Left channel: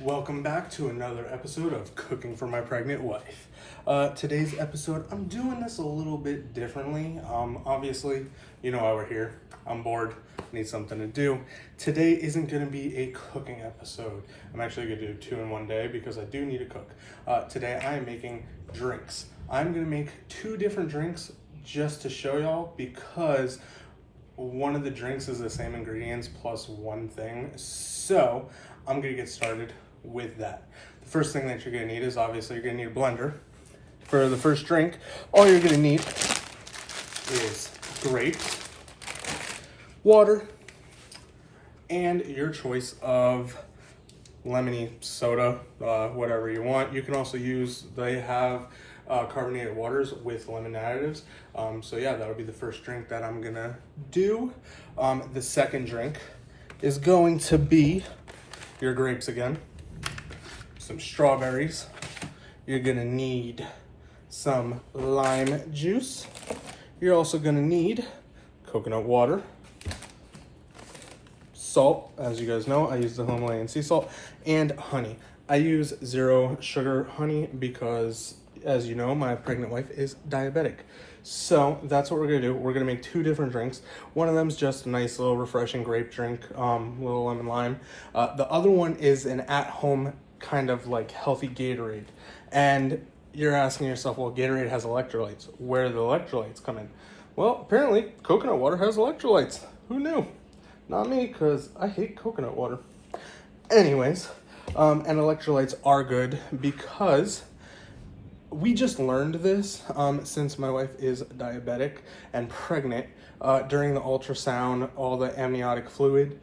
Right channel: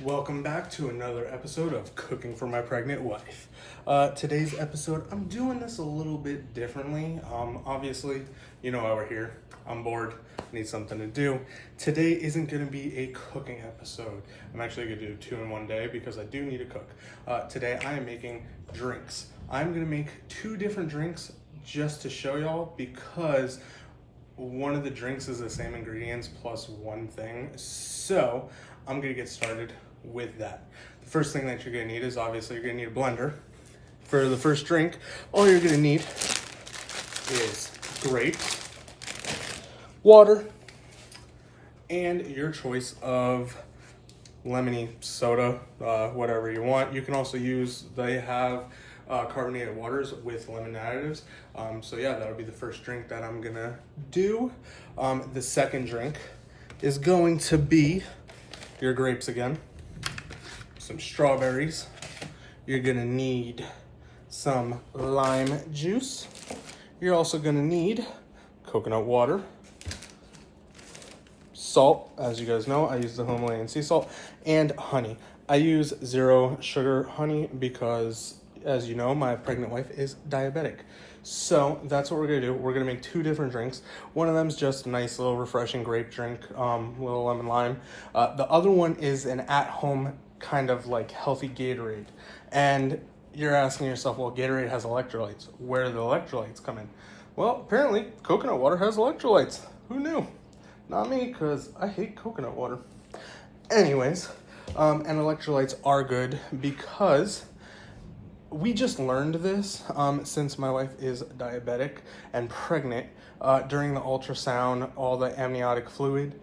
Welcome back to another episode of Cooking for My Pregnant Wife. Today's episode, I'm doing this a little bit differently. Obviously, you know why we're here. I'm bored, need something to do. Today isn't going to be a cooking episode. I'm actually going to do 2 in one day because I do need to cook. Today I am making drinks. I'm going to make 2 different drinks just to show y'all because one of the drinks is the same ingredients plus one thing. So I'm going to get started with that. The first thing that you're going to need is obviously you're going to need a blender. For the first drink, all you're going to need is grapes, water, and your choice of lemony soda, whatever you want. You can also use, they have carbonated waters with lemon additives. So yeah, that'll be the first drink that I'm gonna do. The second drink is going to be your grapes again, some strawberries. You're gonna need some lime juice. You're also gonna need coconut water, salt. As you guys know, I use the Himalayan sea salt, and honey. I use 0 sugar honey because, as you know, my pregnant wife is diabetic. So that's what we're gonna do. We're gonna make 2 different drinks. One of them is just a nice little refreshing grape drink, little lemon lime. The other one is an at-home kind of like healthy Gatorade. And you're asking yourself, well, Gatorade has electrolytes. Where do the electrolytes come in? Well, apparently coconut water has electrolytes. Who knew? Not me, because I hate coconut water. Anyways, and electrolytes are good because we just learned this since my wife is diabetic and pregnant. During the ultrasound, all the amniotic fluid,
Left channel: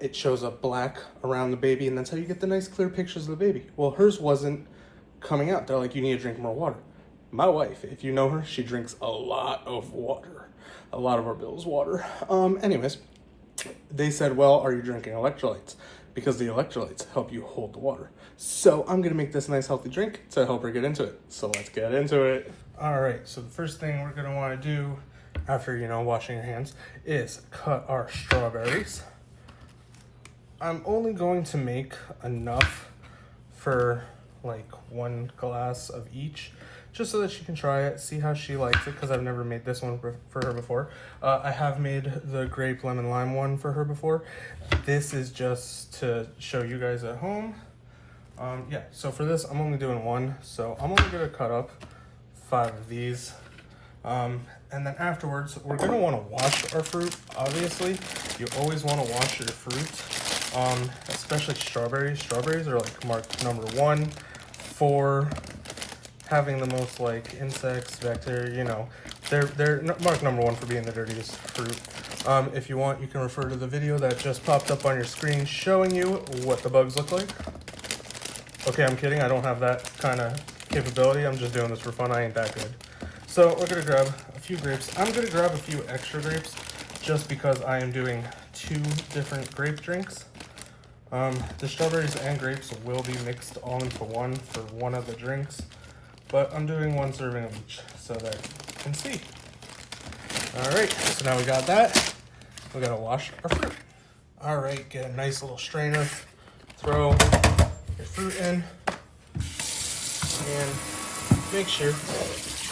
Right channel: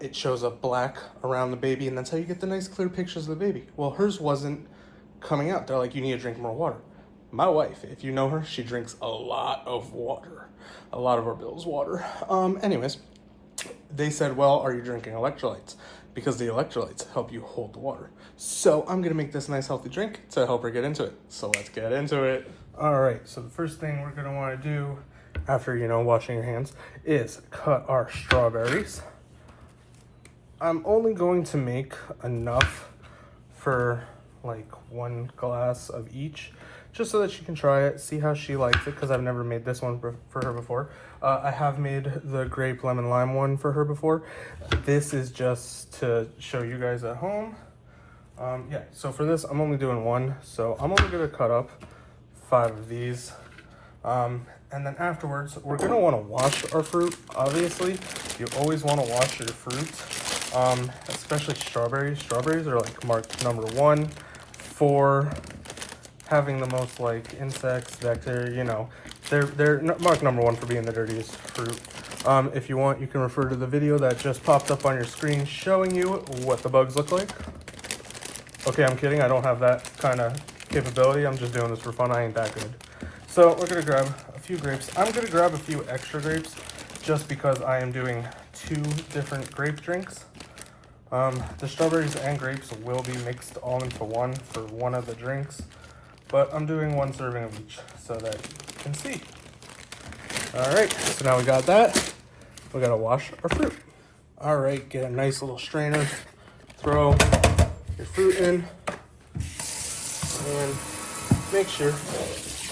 it shows up black around the baby, and that's how you get the nice clear pictures of the baby. Well, hers wasn't coming out. They're like, you need to drink more water. My wife, if you know her, she drinks a lot of water. A lot of our bills water. Anyways, they said, well, are you drinking electrolytes? Because the electrolytes help you hold the water. So I'm gonna make this nice healthy drink to help her get into it. So let's get into it. All right, so the first thing we're gonna wanna do after, washing your hands is cut our strawberries. I'm only going to make enough for like 1 glass of each, just so that she can try it, see how she likes it, because I've never made this one for her before. I have made the grape lemon lime one for her before. This is just to show you guys at home. Yeah, so for this, I'm only doing 1. So I'm only gonna cut up 5 of these. And then afterwards, we're gonna wanna wash our fruit. Obviously, you always wanna wash your fruit, especially strawberries. Strawberries are like marked number 1 for having the most like insects, bacteria, they're marked number 1 for being the dirtiest fruit. If you want, you can refer to the video that just popped up on your screen showing you what the bugs look like. Okay, I'm kidding. I don't have that kind of capability. I'm just doing this for fun. I ain't that good. So we're gonna grab a few grapes. I'm gonna grab a few extra grapes just because I am doing 2 different grape drinks. The strawberries and grapes will be mixed all into one for one of the drinks, but I'm doing 1 serving of each so that you can see. All right, so now we got that. We gotta wash our fruit. All right, get a nice little strainer, throw your fruit in, and make sure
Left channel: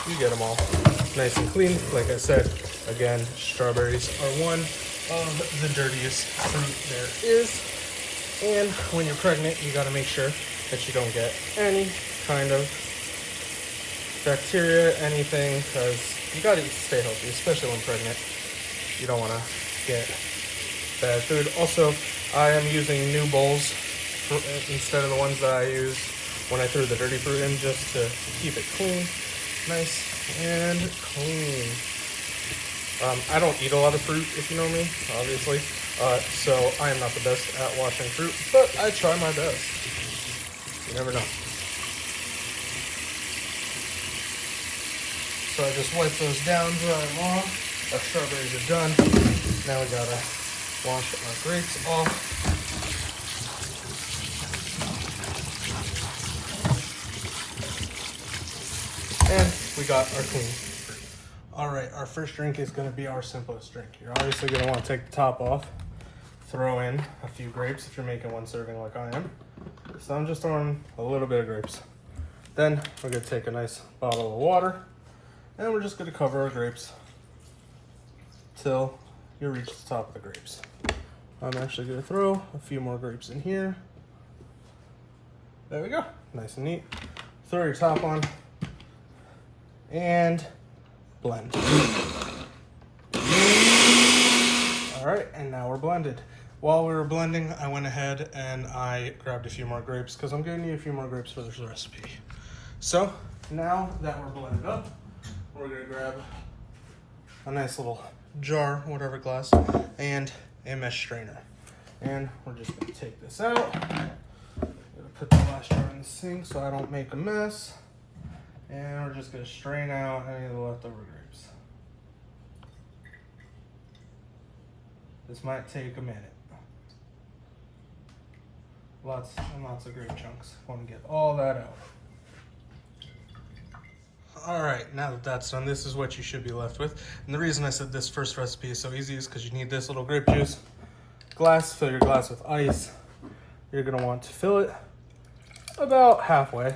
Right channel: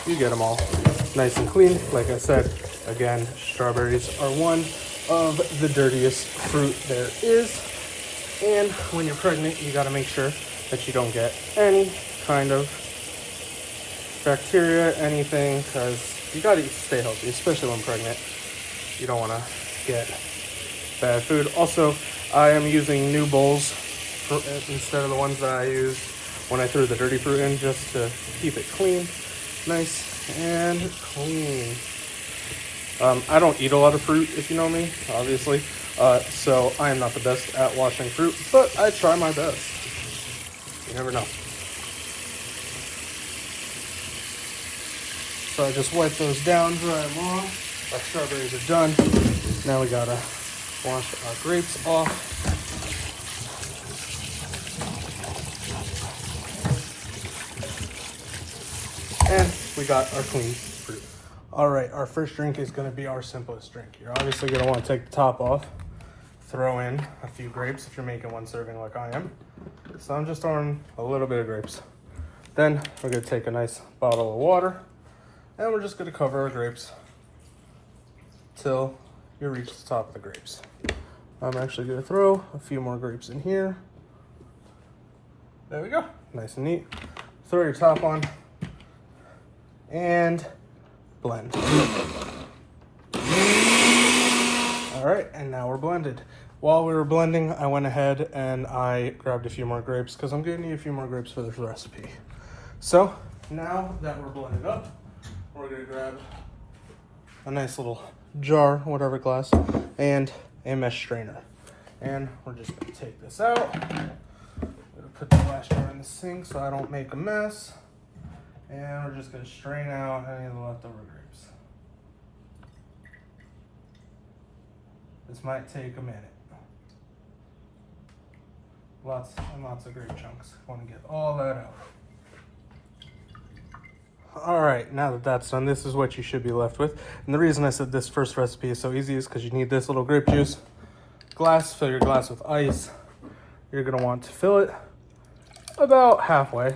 you get them all nice and clean. Like I said, again, strawberries are one of the dirtiest fruit there is. And when you're pregnant, you gotta make sure that you don't get any kind of bacteria, anything, because you gotta stay healthy, especially when pregnant. You don't wanna get bad food. Also, I am using new bowls instead of the ones that I used when I threw the dirty fruit in, just to keep it clean, nice and clean. I don't eat a lot of fruit, if you know me, obviously. So I am not the best at washing fruit, but I try my best. You never know. So I just wipe those down, dry them on. Our strawberries are done. Now we gotta wash our grapes off. And we got our clean fruit. All right, our first drink is gonna be our simplest drink. You're obviously gonna wanna take the top off, throw in a few grapes if you're making 1 serving like I am. So I'm just throwing a little bit of grapes. Then we're gonna take a nice bottle of water and we're just gonna cover our grapes till you reach the top of the grapes. I'm actually gonna throw a few more grapes in here. There we go, nice and neat. Throw your top on and blend. All right, and now we're blended. While we were blending, I went ahead and I grabbed a few more grapes because I'm gonna need a few more grapes for this recipe. So now that we're blended up, we're gonna grab a nice little jar, whatever glass, and a mesh strainer. And we're just gonna take this out. I'm gonna put the glass jar in the sink so I don't make a mess. And we're just gonna strain out any of the leftover grapes. This might take a minute. Lots and lots of grape chunks. Want to get all that out. All right, now that that's done, this is what you should be left with. And the reason I said this first recipe is so easy is because you need this little grape juice glass. Fill your glass with ice. You're gonna want to fill it about halfway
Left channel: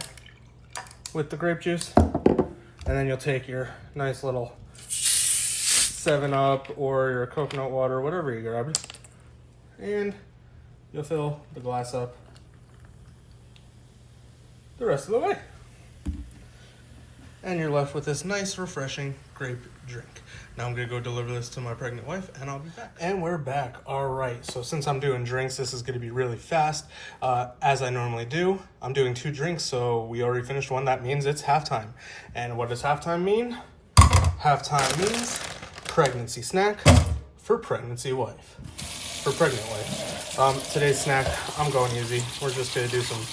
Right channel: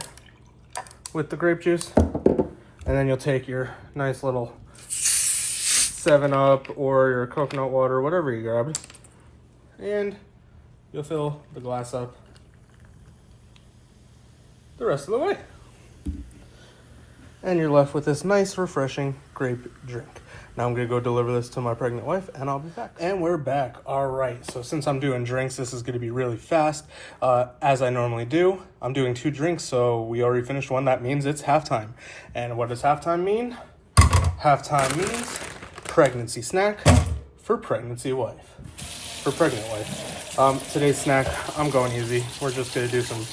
with the grape juice. And then you'll take your nice little 7-Up or your coconut water, whatever you grabbed, and you'll fill the glass up the rest of the way. And you're left with this nice, refreshing grape drink. Now I'm gonna go deliver this to my pregnant wife and I'll be back. And we're back. All right, so since I'm doing drinks, this is gonna be really fast. As I normally do, I'm doing 2 drinks, so we already finished one. That means it's halftime. And what does halftime mean? Halftime means pregnancy snack for pregnancy wife. For pregnant wife. Today's snack, I'm going easy. We're just gonna do some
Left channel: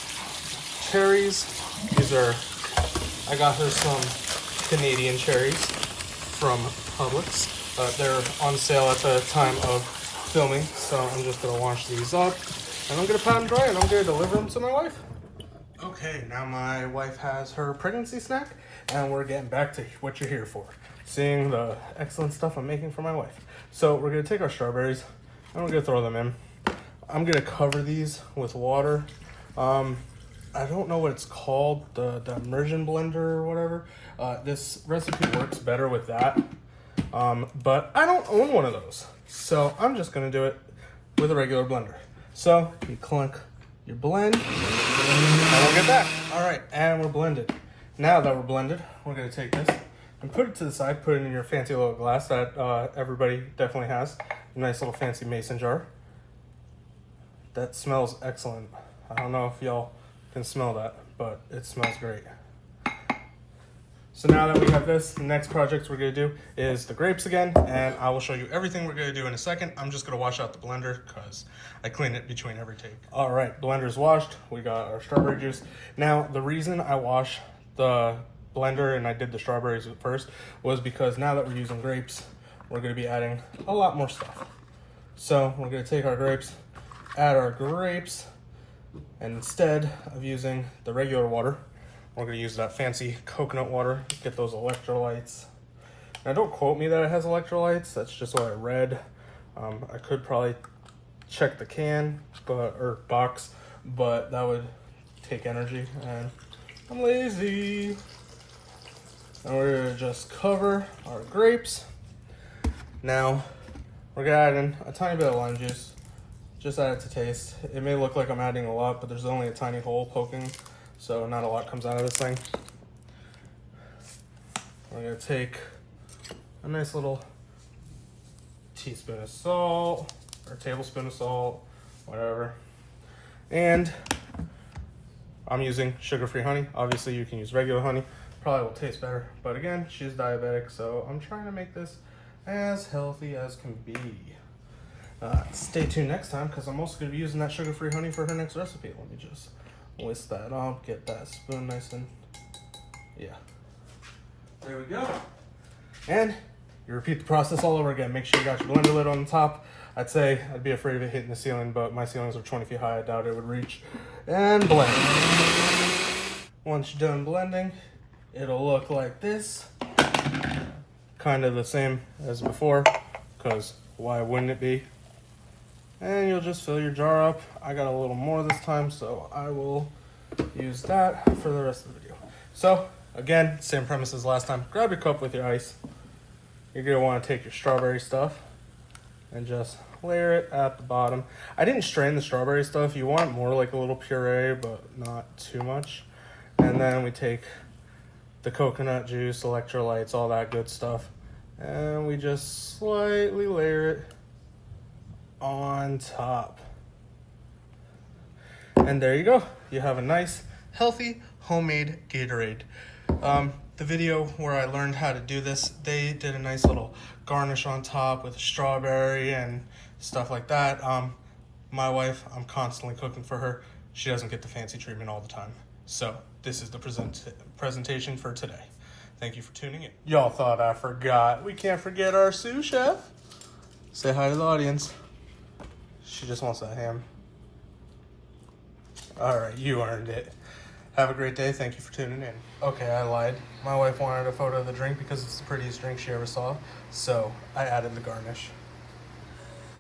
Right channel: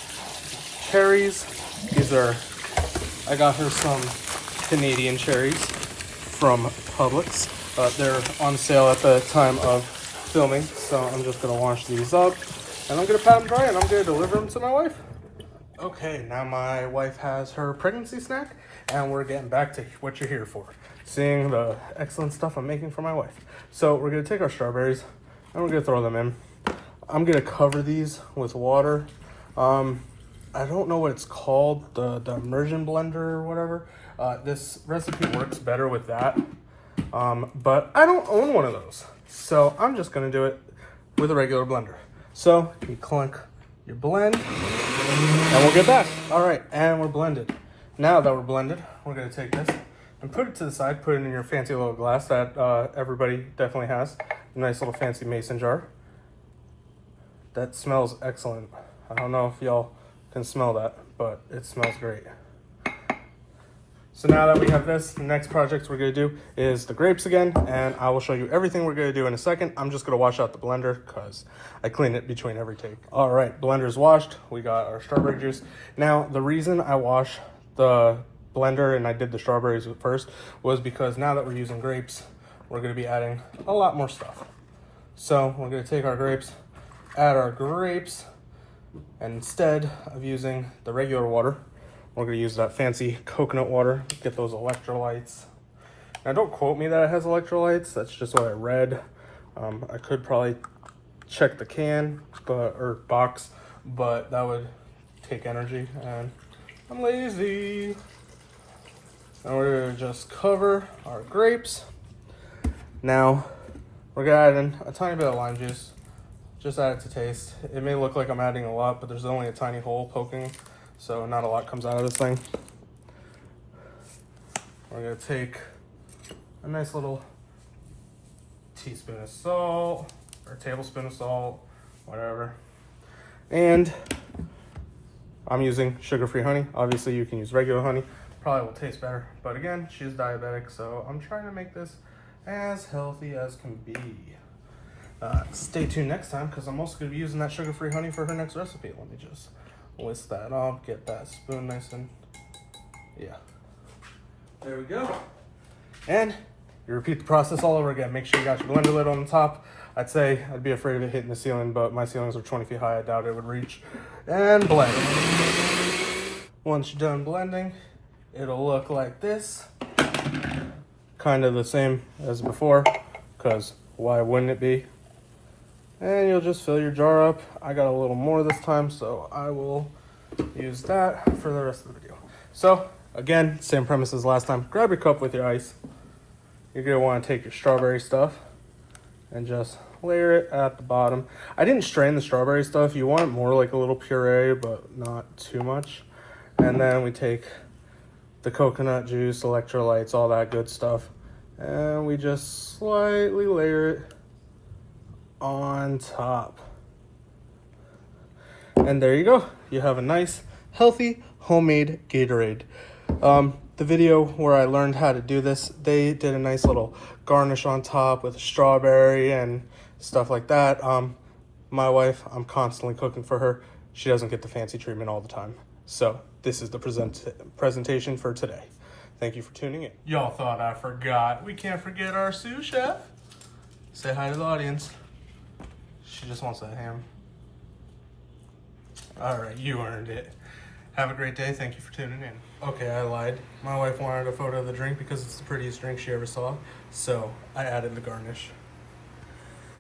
cherries. These are, I got her some Canadian cherries from Publix. They're on sale at the time of filming, so I'm just gonna wash these up and I'm gonna pat them dry and I'm gonna deliver them to my wife. Okay, now my wife has her pregnancy snack and we're getting back to what you're here for. Seeing the excellent stuff I'm making for my wife. So we're gonna take our strawberries and we're gonna throw them in. I'm gonna cover these with water. I don't know what it's called, the immersion blender or whatever. This recipe works better with that, but I don't own one of those. So I'm just gonna do it with a regular blender. So you clunk your blend and we'll get back. All right, and we're blended. Now that we're blended, we're gonna take this and put it to the side, put it in your fancy little glass that everybody definitely has. A nice little fancy mason jar. That smells excellent. I don't know if y'all can smell that, but it smells great. So now that we have this, the next project we're gonna do is the grapes again, and I will show you everything we're gonna do in a second. I'm just gonna wash out the blender because I clean it between every take. All right, blender's washed. We got our strawberry juice. Now, the reason I wash the blender and I did the strawberries first was because now that we're using grapes, we're gonna be adding a lot more stuff. So we're gonna take our grapes, add our grapes, and instead of using the regular water, we're gonna use that fancy coconut water, get those electrolytes. Now don't quote me that it has electrolytes, that's just what I read. I could probably check the can or box, but that would take energy and I'm lazy. Now we're gonna just cover our grapes. Now we're gonna add in a tiny bit of lime juice. Just add it to taste. It may look like I'm adding a lot, but there's only a tiny hole poking, so not a lot comes out of this thing. We're gonna take a nice little teaspoon of salt, or tablespoon of salt, whatever. And I'm using sugar-free honey. Obviously you can use regular honey. Probably will taste better, but again, she's diabetic, so I'm trying to make this as healthy as can be. Stay tuned next time because I'm also going to be using that sugar-free honey for her next recipe. Let me just list that off, get that spoon nice and, yeah. There we go. And you repeat the process all over again. Make sure you got your blender lid on the top. I'd say I'd be afraid of it hitting the ceiling, but my ceilings are 20 feet high. I doubt it would reach. And blend. Once you're done blending, it'll look like this. Kind of the same as before, because why wouldn't it be? And you'll just fill your jar up. I got a little more this time, so I will use that for the rest of the video. So, again, same premise as last time. Grab your cup with your ice. You're gonna wanna take your strawberry stuff and just layer it at the bottom. I didn't strain the strawberry stuff. You want more like a little puree, but not too much. And then we take the coconut juice, electrolytes, all that good stuff. And we just slightly layer it on top. And there you go. You have a nice, healthy, homemade Gatorade. The video where I learned how to do this, they did a nice little garnish on top with strawberry and stuff like that. My wife, I'm constantly cooking for her. She doesn't get the fancy treatment all the time. So this is the presentation for today. Thank you for tuning in. Y'all thought I forgot. We can't forget our sous chef. Say hi to the audience. She just wants a ham. All right, you earned it. Have a great day. Thank you for tuning in. Okay, I lied. My wife wanted a photo of the drink because it's the prettiest drink she ever saw, so I added the garnish.